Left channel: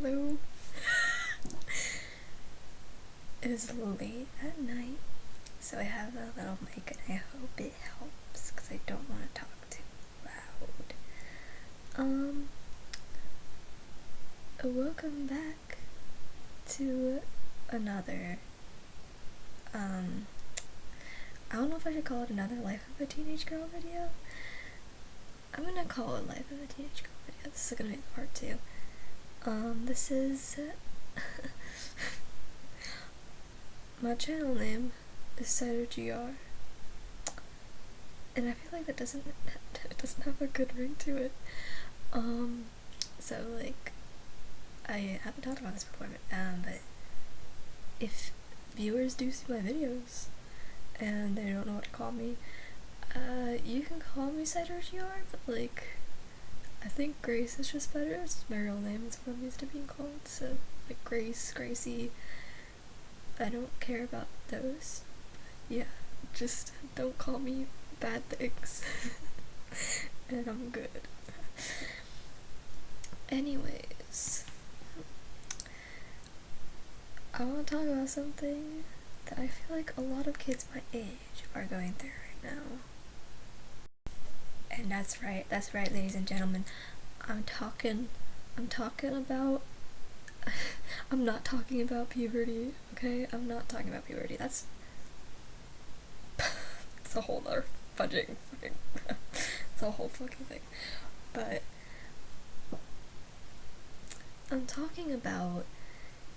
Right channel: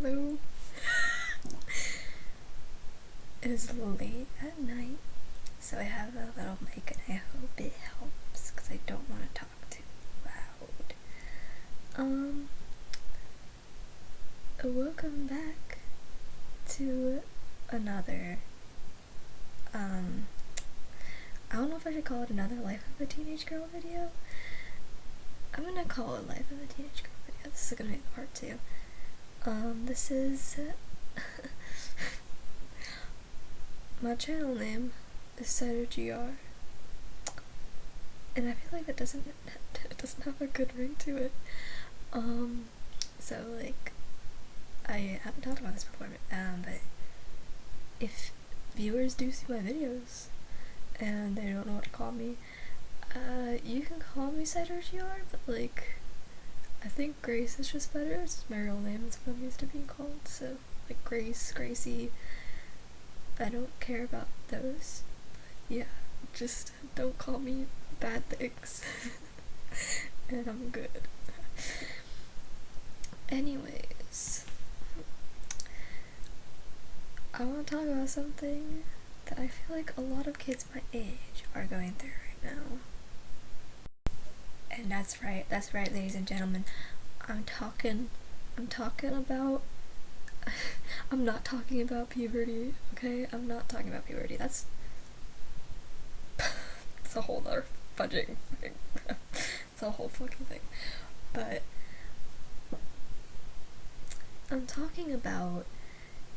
Hello. It is late at night, so I have a little mic and I hope it helps because I don't want to talk too loud. Welcome back to another, I don't know if I should call it another Life of a Teenage Girl video. I'm gonna call it Life of a Teenage Girl video. This is gonna be the part 2. This is my channel name is CytoGR, and I feel like it doesn't have a good ring to it. So like, I haven't talked about this before, but if viewers do see my videos and they don't know what to call me, you can call me CytoGR, but like, I think Grace is just better. It's my real name, it's what I'm used to being called, so like Grace, Gracie, I don't care about those, but yeah, just don't call me bad things. And I'm good. Anyways, I want to talk about something that I feel like a lot of kids my age are going through right now. And that's right, ladies and gentlemen. I'm talking about I'm not talking about puberty, okay? I'm not talking about puberty. That's it's a whole other fudging fucking it's a whole fucking thing. But I'm talking about,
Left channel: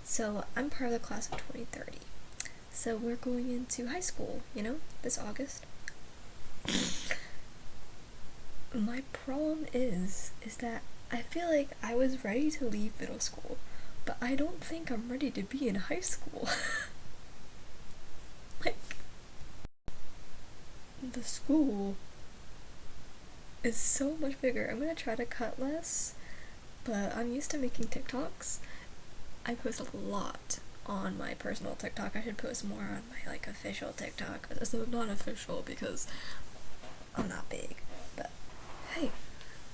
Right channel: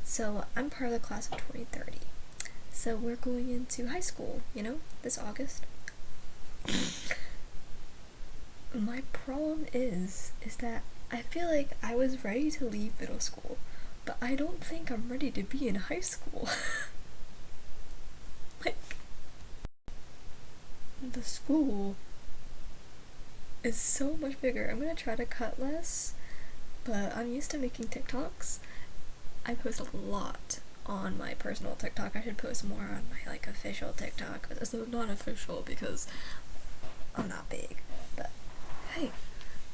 so I'm part of the class of 2030. So we're going into high school, this August. My problem is that I feel like I was ready to leave middle school, but I don't think I'm ready to be in high school. Like, the school is so much bigger. I'm gonna try to cut less, but I'm used to making TikToks. I post a lot on my personal TikTok. I should post more on my like official TikTok. So not official because I'm not big, but hey,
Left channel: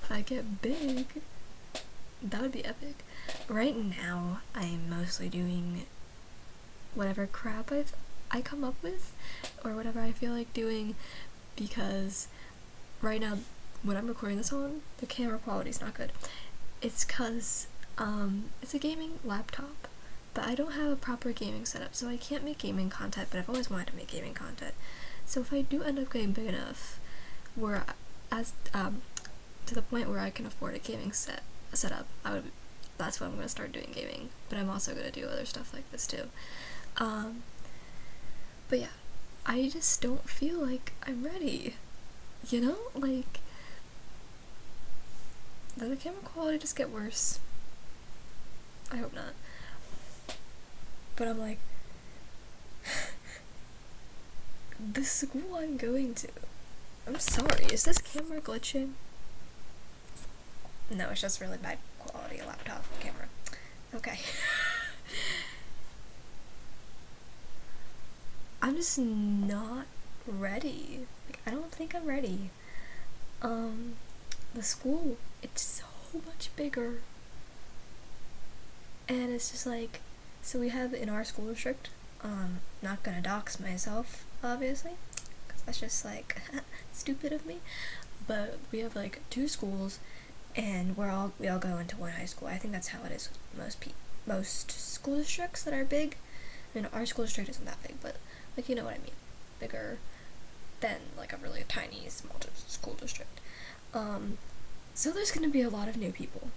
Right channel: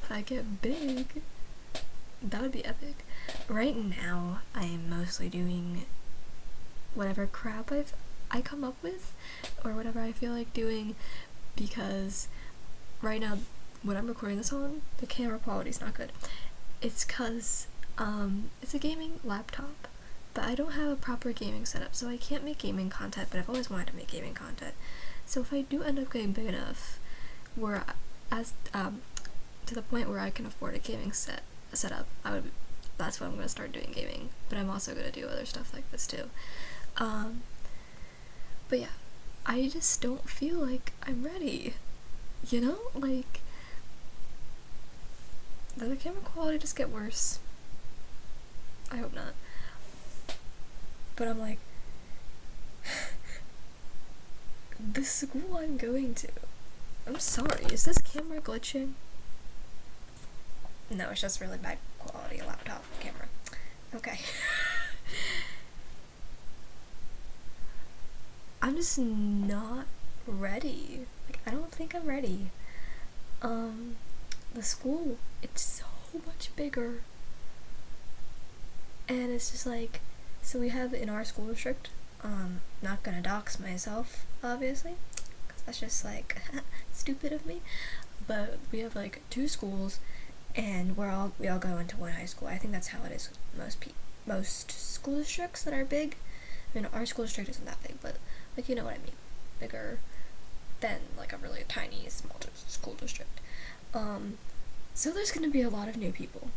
if I get big, that would be epic. Right now, I am mostly doing whatever crap I come up with, or whatever I feel like doing, because right now, when I'm recording this on, the camera quality is not good. It's cause it's a gaming laptop, but I don't have a proper gaming setup, so I can't make gaming content, but I've always wanted to make gaming content. So if I do end up getting big enough, where to the point where I can afford a gaming setup, that's when I'm gonna start doing gaming. But I'm also gonna do other stuff like this too. But yeah, I just don't feel like I'm ready. Like, does the camera quality just get worse? I hope not. But I'm like, the school I'm going to, I'm sorry, is this camera glitching? No, it's just really bad quality laptop camera. Okay. I'm just not ready. Like, I don't think I'm ready. The school, it's so much bigger. And it's just like, so we have in our school district, not gonna dox myself, obviously, because that's just like stupid of me, but we have like 2 schools, and we all go into one high school. I think that's how it is with most school districts that are big. I mean, our school district isn't that big, but like, you know what I mean, bigger than like a really tiny small school district. So there's gonna be a lot of new people.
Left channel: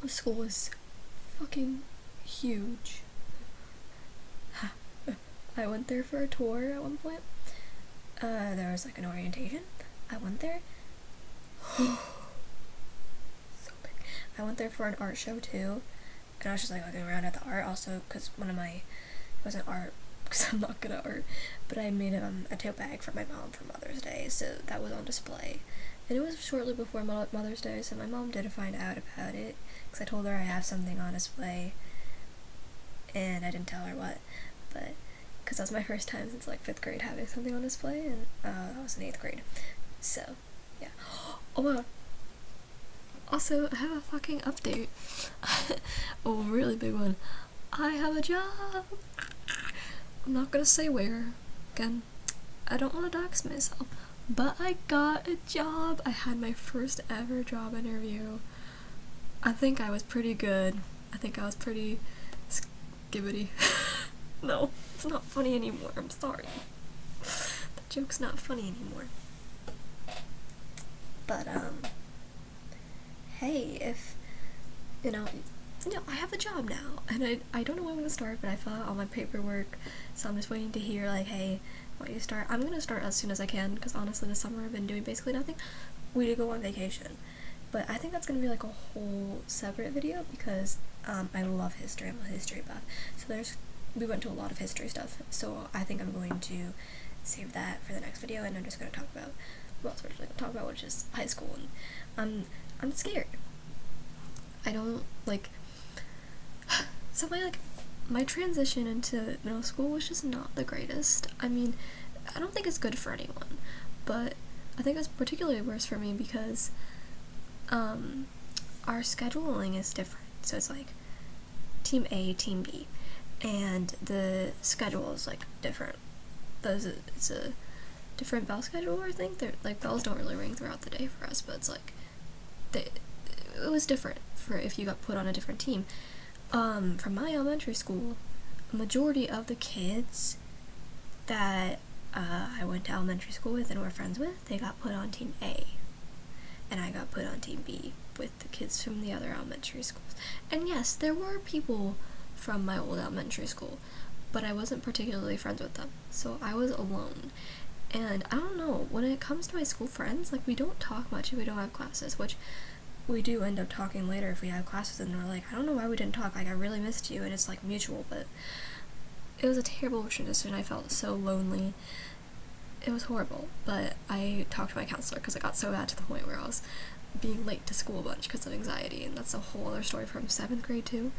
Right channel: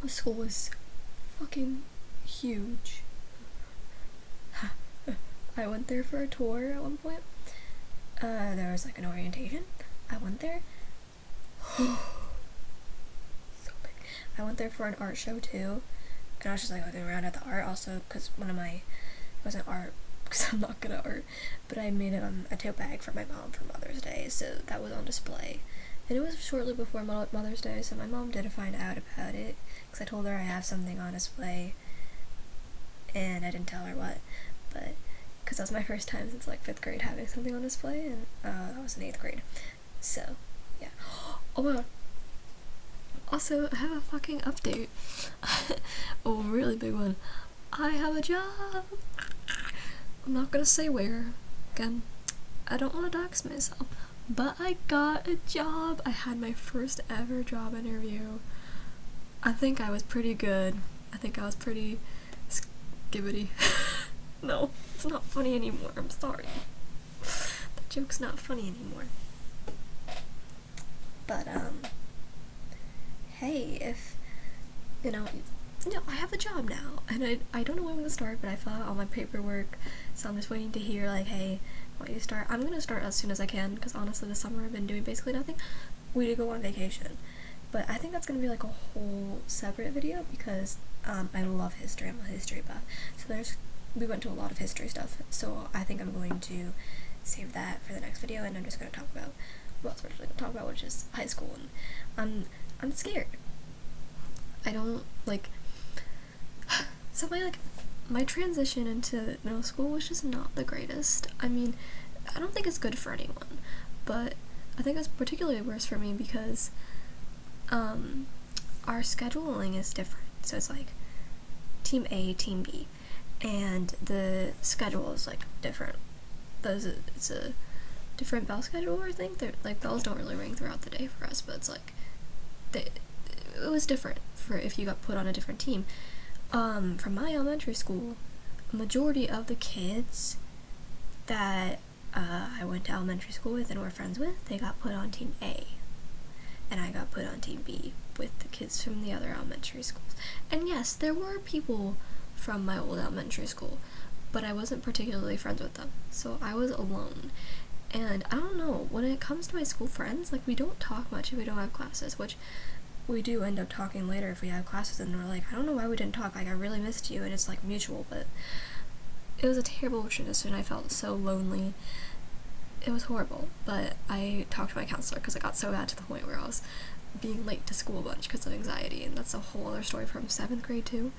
The school is fucking huge. I went there for a tour at one point. There was like an orientation. I went there. So big. I went there for an art show too, and I was just like looking around at the art also, because it wasn't art because I'm not good at art, but I made a tote bag for my mom for Mother's Day, so that was on display. And it was shortly before Mother's Day, so my mom did find out about it, because I told her I have something on display, and I didn't tell her what, but because that was my first time since like 5th grade having something on display, and I was in 8th grade, so yeah. Oh my god, Also, I have a fucking update. A really big one. I have a job. I'm not gonna say where. Again, I don't want to dox myself. But I got a job. I had my first ever job interview. I think I was pretty good. I think I was pretty skibbity. No, it's not funny anymore. I'm sorry. The joke's not funny anymore. But, hey, if, I have a job now, and I don't know when I'm gonna start, but I fill out all my paperwork, so I'm just waiting to hear, like, hey, why don't you start? I'm gonna start as soon as I can, because honestly, this summer I've been doing basically nothing. We did go on vacation, but I think that's gonna be, like, a whole separate video, because, I love history. I'm a history buff, so we went to a lot of history stuff, so I think I'm going to save that for the next video, and I'm just gonna talk about what else we're going to talk about, which is high school, and I'm scared. I don't, like, so my transition into middle school was just not the greatest. I mean, I don't think it's good for anyone, but I think it's particularly worse for me because, our scheduling is different, so it's, like, Team A, Team B, and the schedule is, like, different. It's a different bell schedule, I think. They're, like, bells don't really ring throughout the day for us, but it's, like, it was different for if you got put on a different team. From my elementary school, a majority of the kids that I went to elementary school with and were friends with, they got put on Team A, and I got put on Team B with the kids from the other elementary schools. And yes, there were people from my old elementary school, but I wasn't particularly friends with them, so I was alone. And I don't know, when it comes to my school friends, like, we don't talk much if we don't have classes, which we do end up talking later if we have classes, and we're like, I don't know why we didn't talk, like, I really missed you, and it's, like, mutual, but it was a terrible transition. I felt so lonely. It was horrible, but I talked to my counselor because it got so bad to the point where I was being late to school a bunch because of anxiety, and that's a whole other story from 7th grade, too.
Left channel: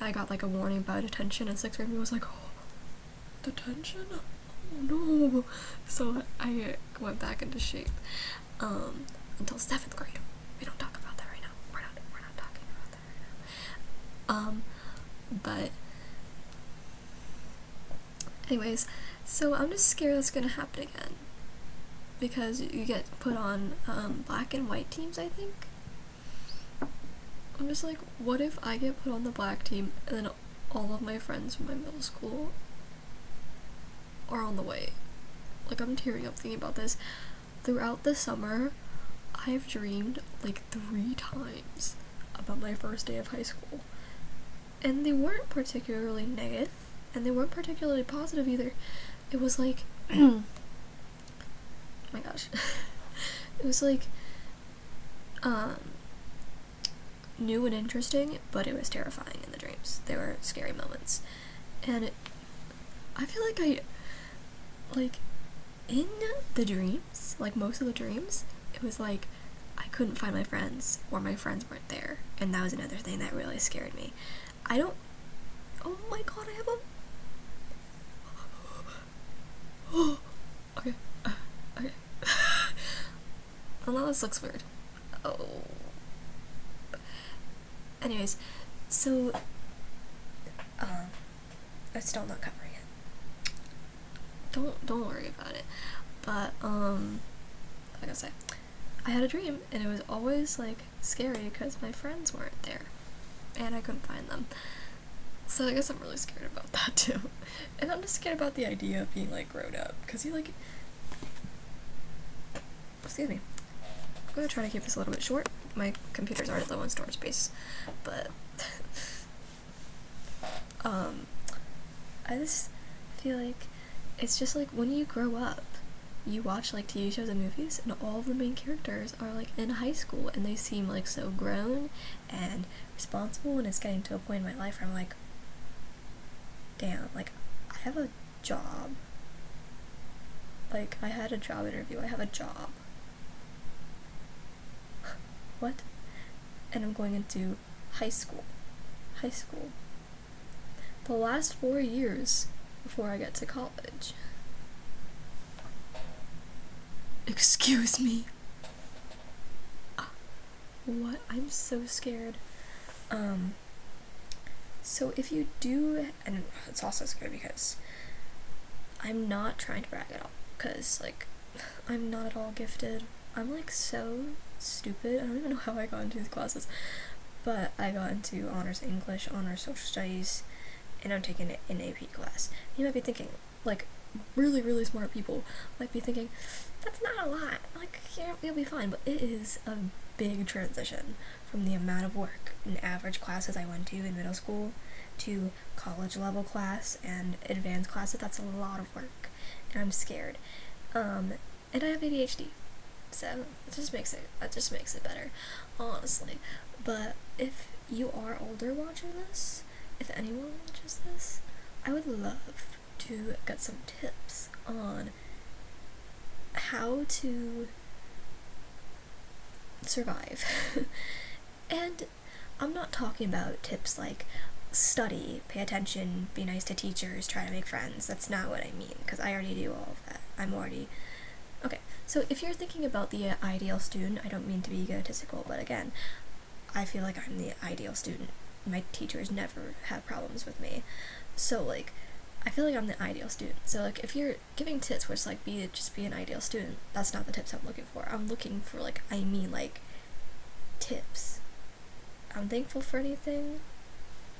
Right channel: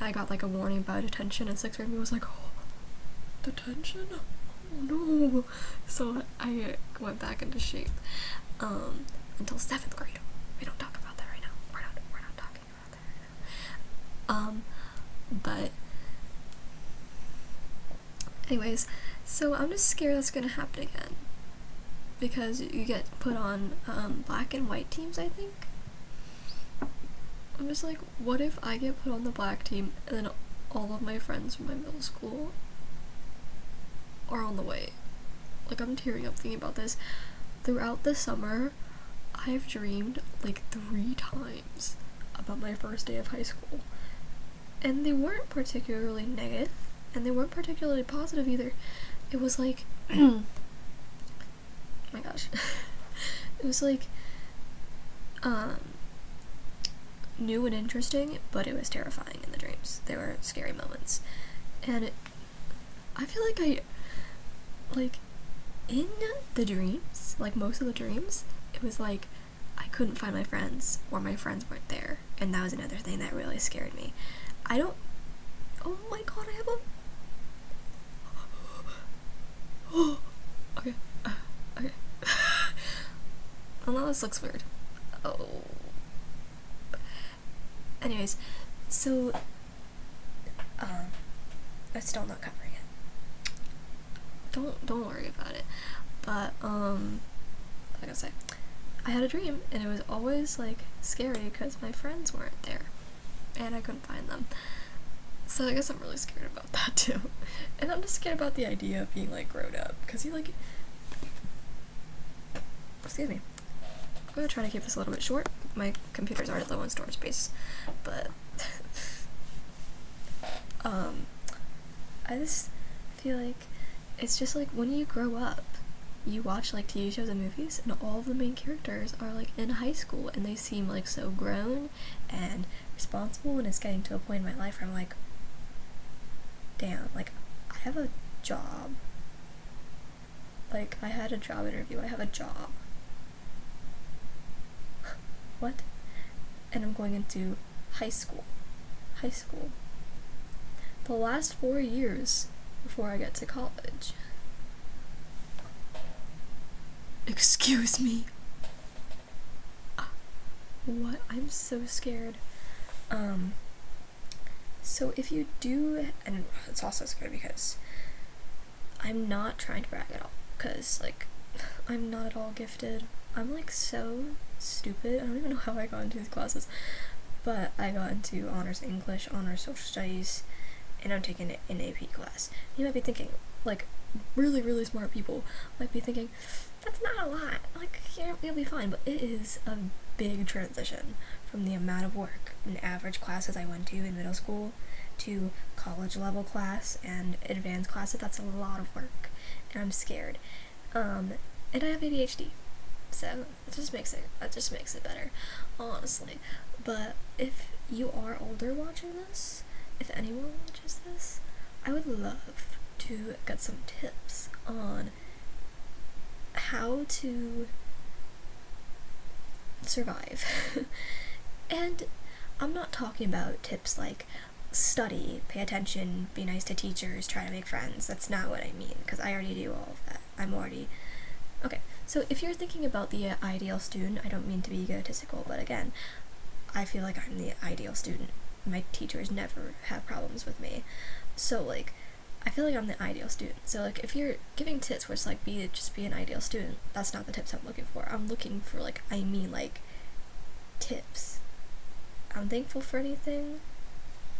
I got, like, a warning about detention in 6th grade, and I was like, oh, detention? Oh no. So I went back into shape until 7th grade. We don't talk about that right now. We're not talking about that right now. But anyways, so I'm just scared that's gonna happen again, because you get put on black and white teams, I think. I'm just like, what if I get put on the black team and then all of my friends from my middle school are on the way? Like, I'm tearing up thinking about this. Throughout the summer, I've dreamed, like, 3 times about my first day of high school. And they weren't particularly negative, and they weren't particularly positive either. It was like, oh my gosh. It was like, new and interesting, but it was terrifying in the dreams. They were scary moments. And I feel like, in the dreams, like, most of the dreams, it was like, I couldn't find my friends, or my friends weren't there, and that was another thing that really scared me. Oh my god, I have a... Okay. Okay. Oh no, this looks weird. Oh. Anyways, so, I'm still not covering it. Don't worry about it. But, like I say, I had a dream, and it was always, like, scary because my friends weren't there, and I couldn't find them. So I guess I'm really scared about that, too. And I'm just scared about the idea of being, like, grown up, because you, like... Excuse me. I'm gonna try to keep this a little bit short. My computer's already low on storage space, but... I just feel like it's just, like, when you grow up, you watch, like, TV shows and movies, and all of the main characters are, like, in high school, and they seem, like, so grown and responsible, and it's getting to a point in my life where I'm like, damn, like, I have a job. Like, I had a job interview, I have a job. What? And I'm going into high school. High school. The last 4 years before I get to college. Excuse me. What? I'm so scared. So if you do, and it's also scary because I'm not trying to brag at all, because, like, I'm not at all gifted. I'm, like, so stupid. I don't even know how I got into these classes, but I got into honors English, honors social studies, and I'm taking an AP class. You might be thinking, like, really, really smart people might be thinking, that's not a lot, like, you'll be fine, but it is a big transition from the amount of work in average classes I went to in middle school to college level class and advanced classes. That's a lot of work, and I'm scared. And I have ADHD, so it just makes it better, honestly. But if you are older watching this, if anyone watches this, I would love to get some tips on how to survive. And I'm not talking about tips like study, pay attention, be nice to teachers, try to make friends. That's not what I mean, because I already do all of that. I'm already okay. So if you're thinking about the ideal student, I don't mean to be egotistical, but again, I feel like I'm the ideal student. My teachers never have problems with me. So, like, I feel like I'm the ideal student. So, like, if you're giving tips where it's like, just be an ideal student, that's not the tips I'm looking for. I'm looking for, like, tips. I'm thankful for anything,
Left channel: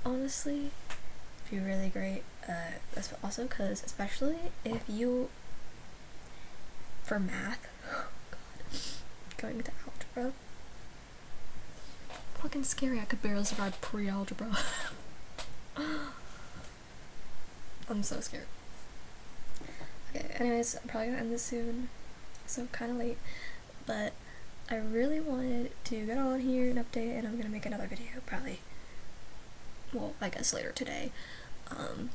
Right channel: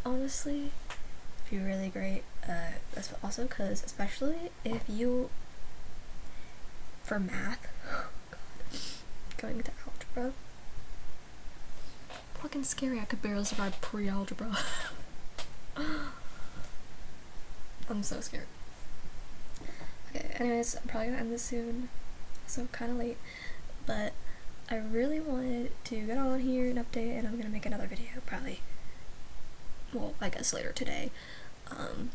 honestly. It'd be really great. That's also because, especially if you, for math, oh god, going into algebra, fucking scary. I could barely survive pre-algebra. I'm so scared. Okay, anyways, I'm probably gonna end this soon, so kind of late, but I really wanted to get on here and update, and I'm gonna make another video probably, well, I guess later today,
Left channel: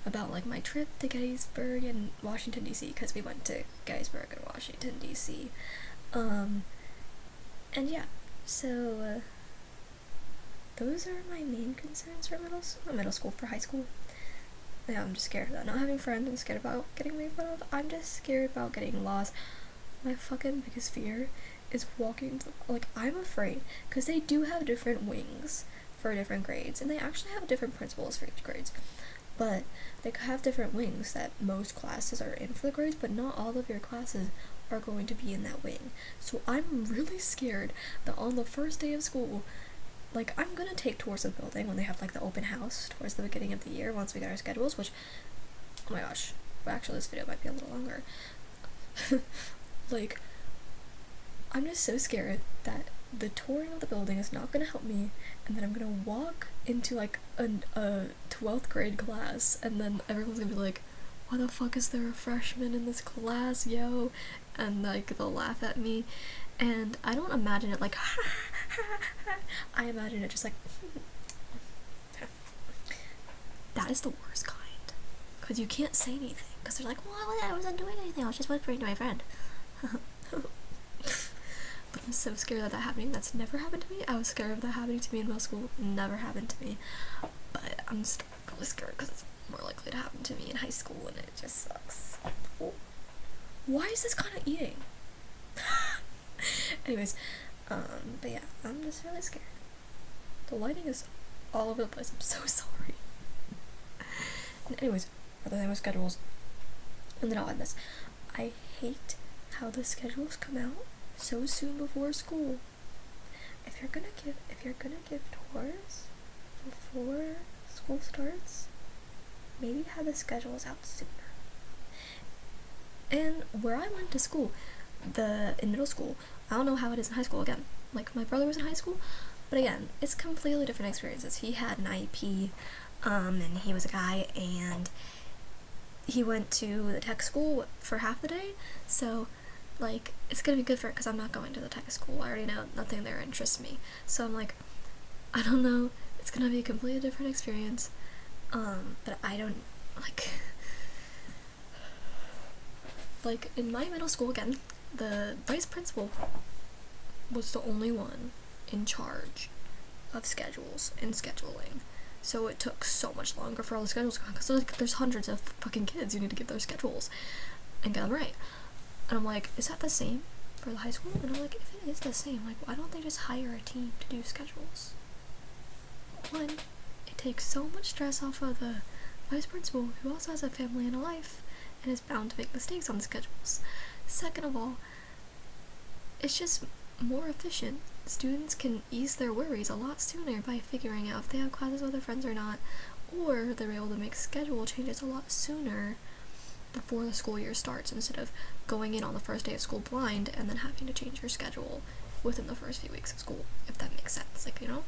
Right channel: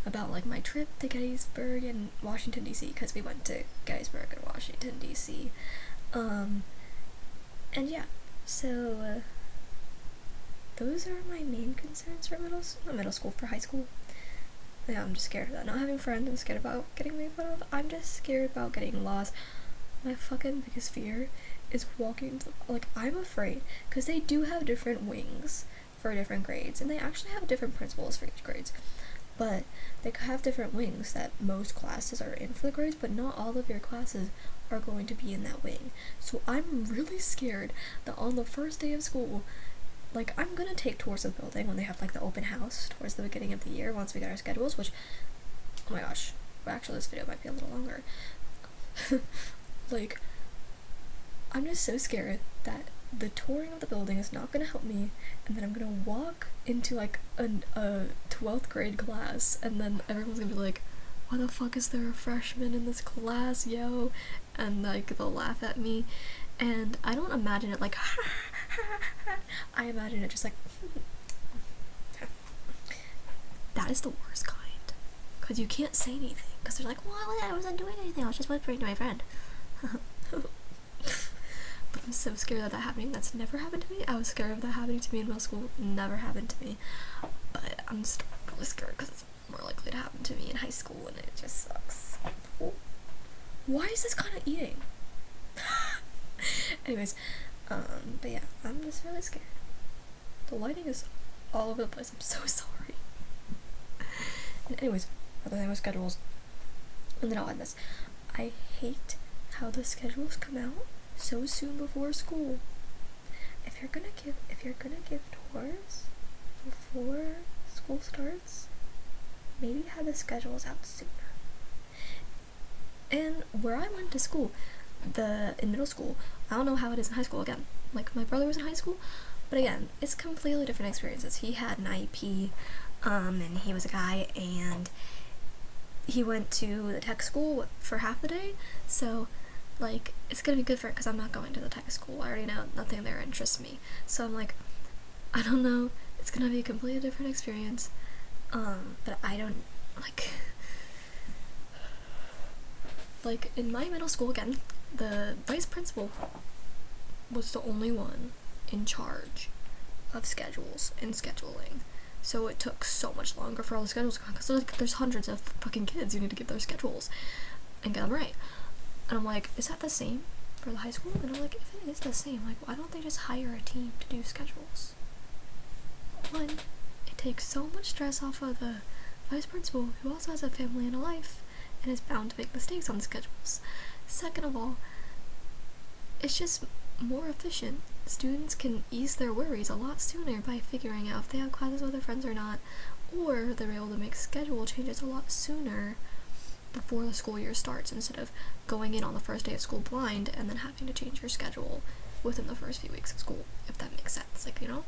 about, like, my trip to Gettysburg and Washington DC, because we went to Gettysburg and Washington DC, and yeah, so those are my main concerns for middle school, for high school. Yeah, I'm just scared about not having friends. I'm scared about getting made fun of. I'm just scared about getting lost. My fucking biggest fear is walking to, like, I'm afraid, because they do have different wings for different grades, and they actually have different principals for each grades, but they have different wings that most classes are in for the grades, but not all of your classes are going to be in that wing. So I'm really scared that on the first day of school, like, I'm gonna take tours of the building when they have, like, the open house towards the beginning of the year once we get our schedules, which, oh my gosh, well, actually this video might be a little longer. Like, I'm just so scared that the touring of the building is not gonna help me, and then I'm gonna walk into, like, a 12th grade class, and then everyone's gonna be like, why the fuck is there a freshman in this class, yo? And, like, they'll laugh at me, and I don't imagine it like, I imagine it just like, that is the worst kind, because you can't say anything, because they're like, well, I wasn't doing anything, I was just whispering to my friend. But I'm so scared of that happening. That's never happened to me. I was scared of that happening to me in middle school. Never happened to me. But I'm still really scared because it's more likely to happen to me in high school, and it just sucks. Why is this kind of eating? Anyways, but yeah, I'm just really scared. The lighting is all over the place. I'm so sorry. And anyways, other than with schedules, and then I'll end this. I hate how the schedules come out so soon before school. If you're gonna give tours before school starts, maybe have the schedules out sooner. And where I went to school, in middle school, I don't know how it is in high school. Again, like, my brother was in high school, but again, it's completely different experiences. He had an IEP, and he was a guy, and he went to the tech school for half the day, so, like, it's gonna be good for it, because I'm not going to the tech school. I already know nothing there interests me, so I'm like, I don't know, it's gonna be a completely different experience, but I don't, like, in my middle school, again, the vice principal was the only one in charge of schedules and scheduling. So it took so much longer for all the schedules to come, because there's hundreds of fucking kids you need to give their schedules and get them right. And I'm like, is that the same for the high school, and I'm like, if it is the same, like, why don't they just hire a team to do schedules? One, it takes so much stress off of the vice principal, who also has a family and a life and is bound to make mistakes on the schedules. Second of all, it's just more efficient. Students can ease their worries a lot sooner by figuring out if they have classes with their friends or not, or they're able to make schedule changes a lot sooner before the school year starts, instead of going in on the first day of school blind and then having to change your schedule within the first few weeks of school, if that makes sense. Like, you know?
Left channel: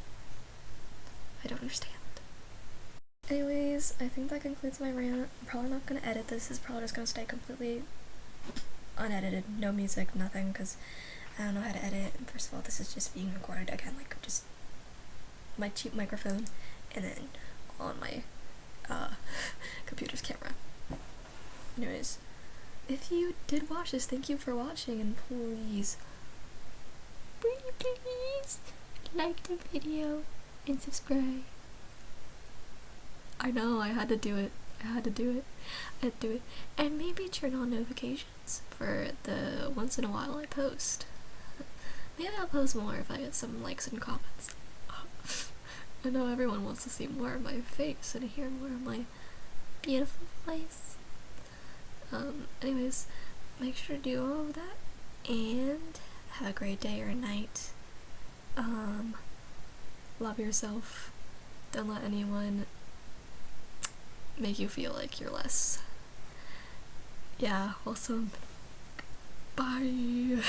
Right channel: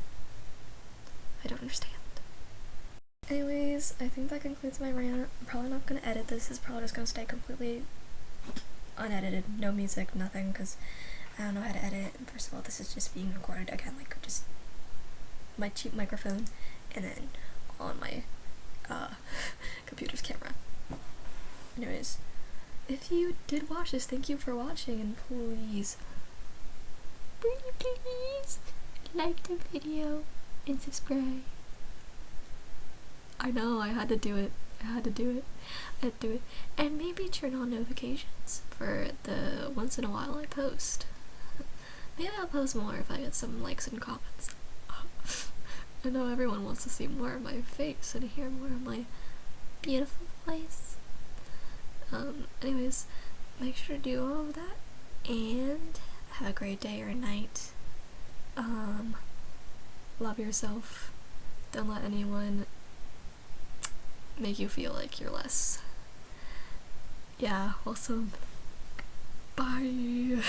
I don't understand. Anyways, I think that concludes my rant. I'm probably not going to edit this. It's probably just going to stay completely unedited. No music, nothing, because I don't know how to edit. And first of all, this is just being recorded again, like, just my cheap microphone, and then on my computer's camera. Anyways, if you did watch this, thank you for watching, and please like the video and subscribe. I know, I had to do it. And maybe turn on notifications for the once in a while I post. Maybe I'll post more if I get some likes and comments. I know everyone wants to see more of my face and hear more of my beautiful voice. Anyways, make sure to do all of that, and have a great day or night. Love yourself. Don't let anyone make you feel like you're less. Yeah, awesome. Bye.